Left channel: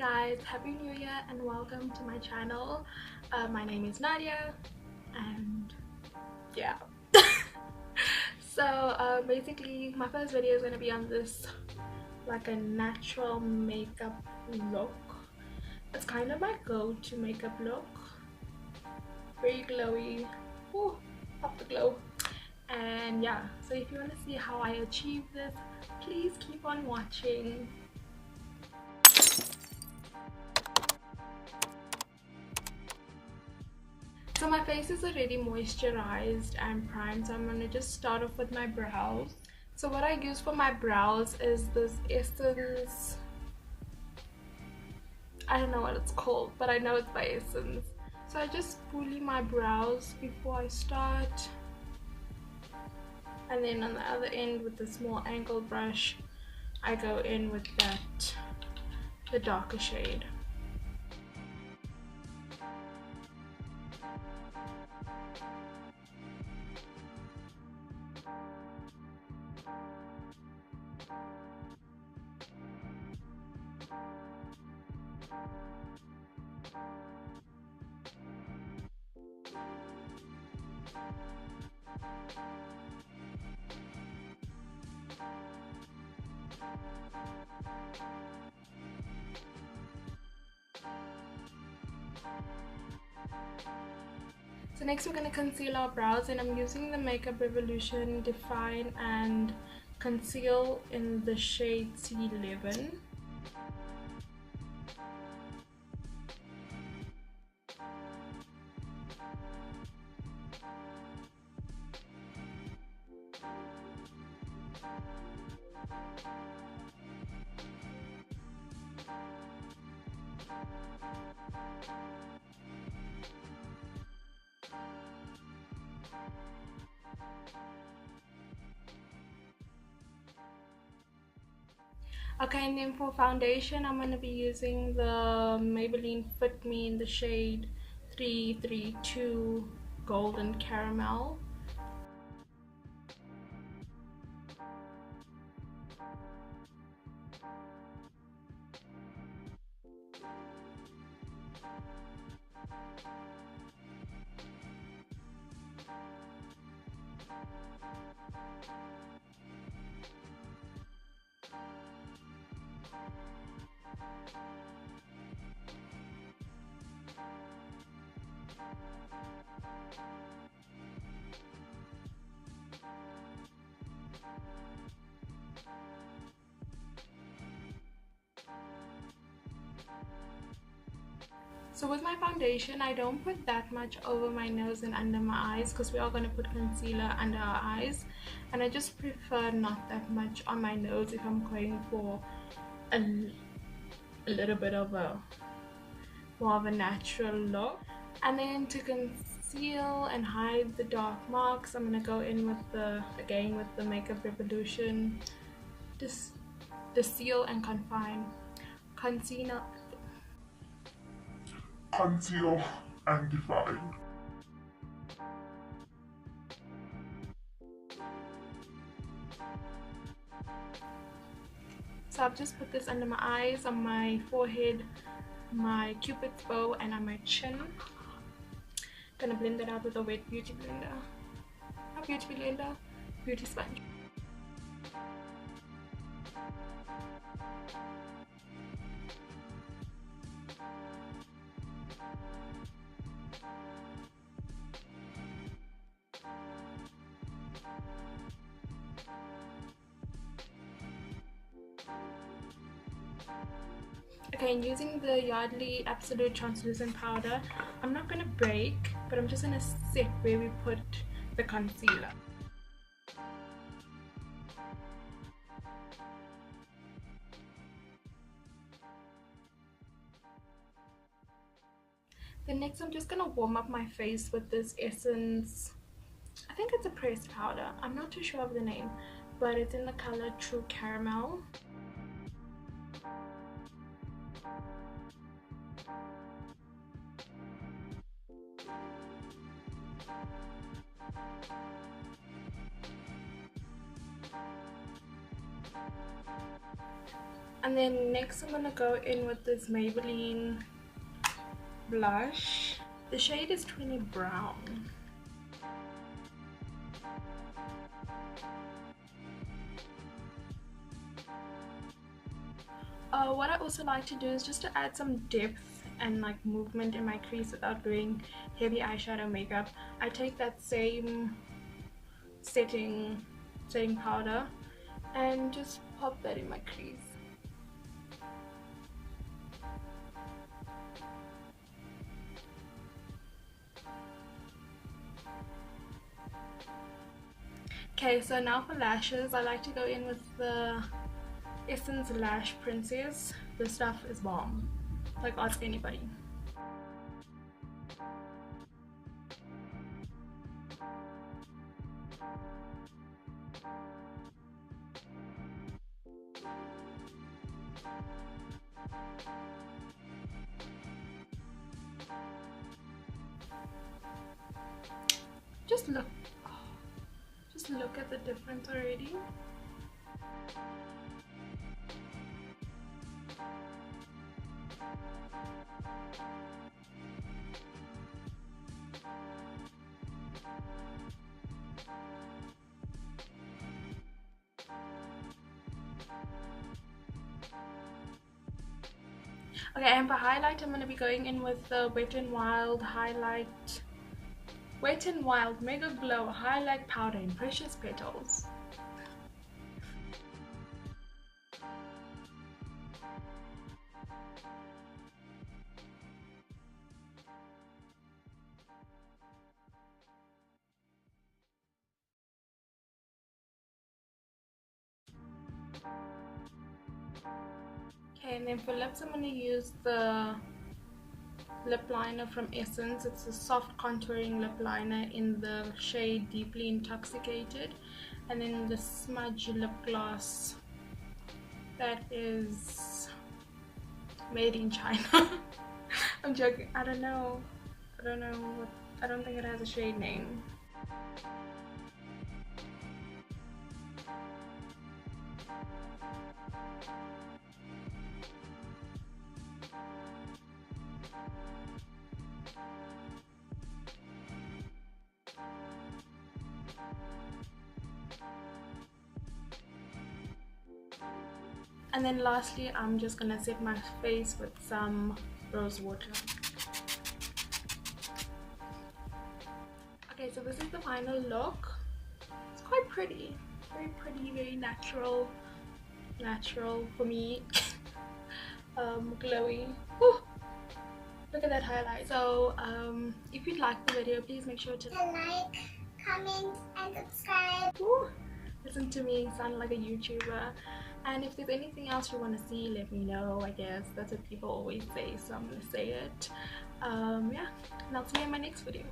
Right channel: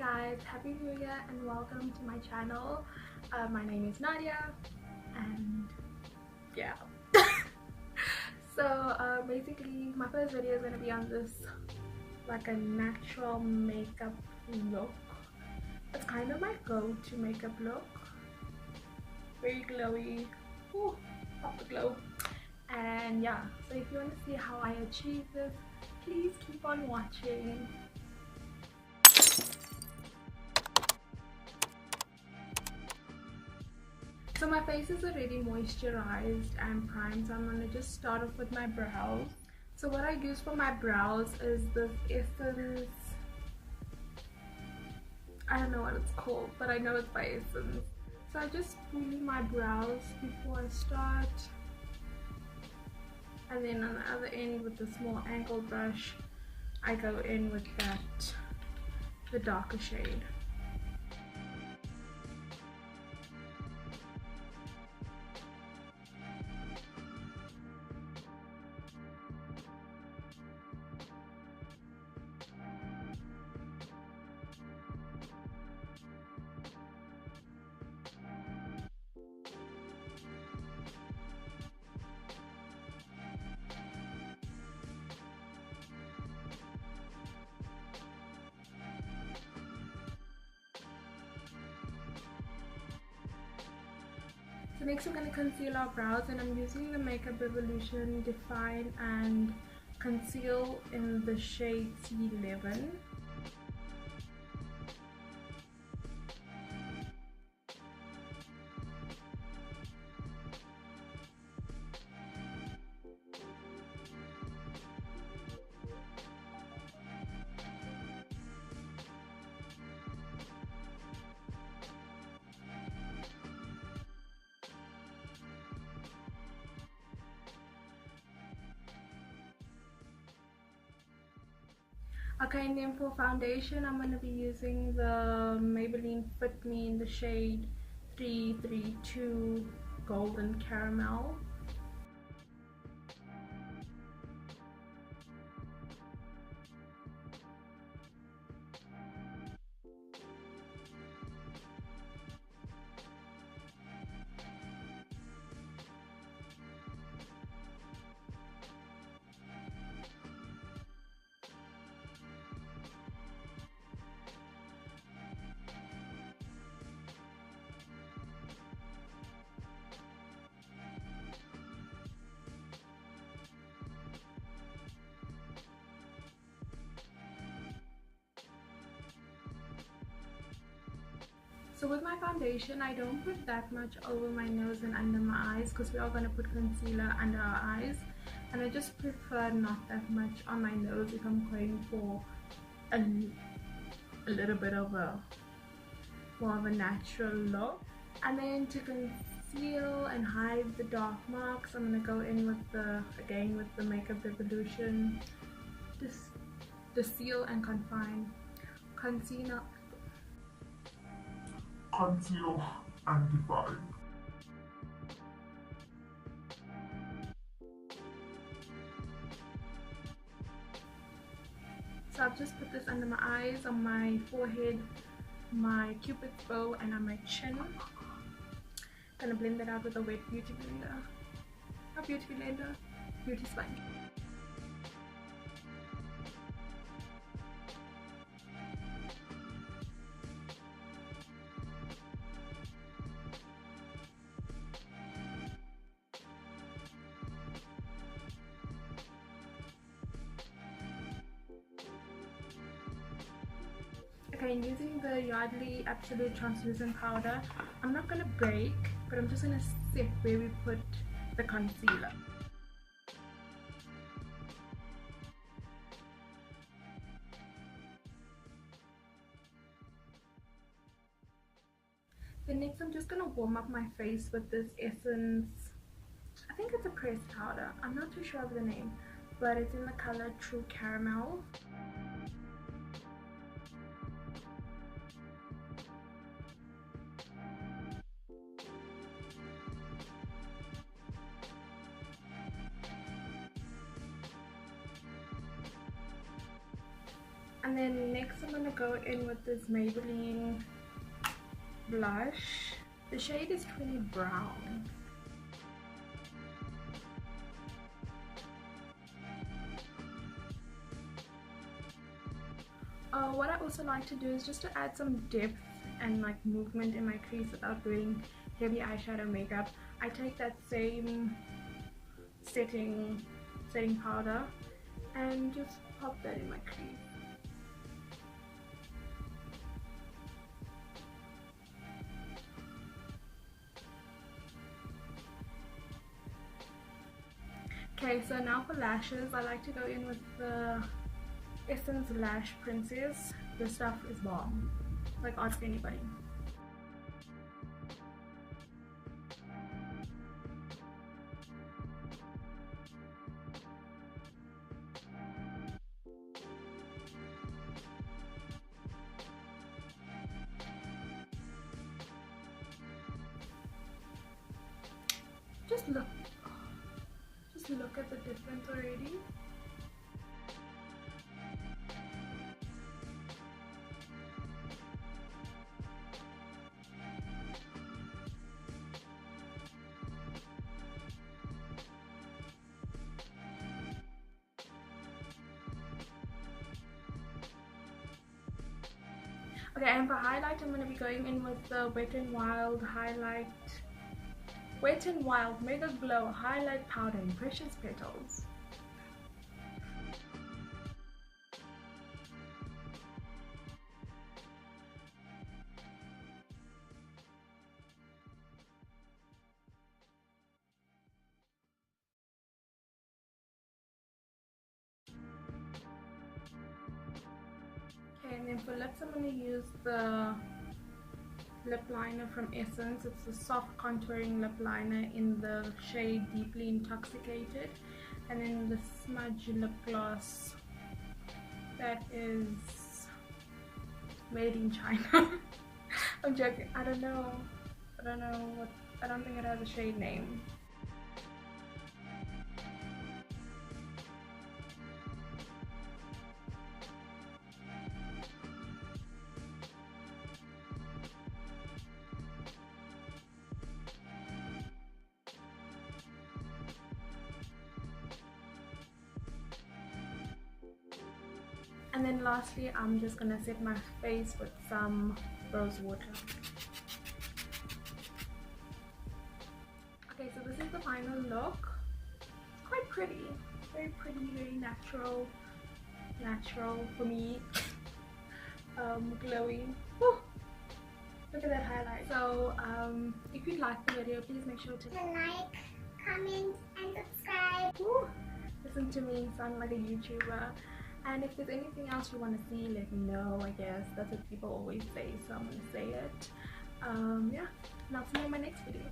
guys, happy new year and welcome to my channel. My name is Nadia and yeah. So basically my first video is going to be on this like a natural makeup look. It's kind of my go-to makeup look, very glowy. Ooh, pop the glow. And yeah, so if you want to see how I achieve this, please keep on watching. So my face is already moisturized and primed, so I'm going to just start off with my brows. So what I use for my brows is this Essence, I don't know what it's called, but I know it's by Essence. So I just spoolie my brows before I start, and then on the other end with the small angled brush I go in with the darker shade. So next we're going to conceal our brows, and I'm using the Makeup Revolution Define and Conceal in the shade C11. Okay, and then for foundation, I'm going to be using the Maybelline Fit Me in the shade 332 Golden Caramel. So with my foundation, I don't put that much over my nose and under my eyes because we are going to put concealer under our eyes, and I just prefer not that much on my nose if I'm going for a little bit of a more of a natural look. And then to conceal and hide the dark marks, I'm going to go in with again with the Makeup Revolution Conceal and Confine Concealer. Conceal and Define. So I've just put this under my eyes, on my forehead, my cupid's bow, and on my chin. Gonna blend it out with a wet beauty blender. Not beauty blender, beauty sponge. Okay, and using the Yardley Absolute Translucent Powder, I'm not going to break, but I'm just going to set where we put the concealer. Then next I'm just going to warm up my face with this Essence, I think it's a pressed powder, I'm not too sure of the name, but it's in the color True Caramel. And then next I'm gonna go in with this Maybelline blush. The shade is 20 Brown. What I also like to do is just to add some depth and like movement in my crease without doing heavy eyeshadow makeup. I take that same setting powder and just pop that in my crease. Okay, so now for lashes, I like to go in with the Essence Lash Princess. This stuff is bomb. Like, ask anybody. Just look at the difference already. Okay, and for highlight, I'm going to be going in with the Wet n Wild Megaglow Highlight Powder in Precious Petals. Okay, and then for lips, I'm going to use the lip liner from Essence. It's a soft contouring lip liner in the shade Deeply Intoxicated, and then the Smudge Lip Gloss that is made in China. I'm joking. I don't know what. I don't think it has a shade name. And then lastly, I'm just gonna set my face with some Rosewater. Okay, so this is the final look. It's quite pretty, very pretty, very natural for me. Glowy. Whew. Look at that highlight. So if you'd like the video, please make sure to like, comment, and subscribe. Whew. Listen to me sound like a YouTuber. And if there's anything else you want to see, let me know. I guess that's what people always say, so I'm gonna say it. Yeah, and I'll see you in my next video.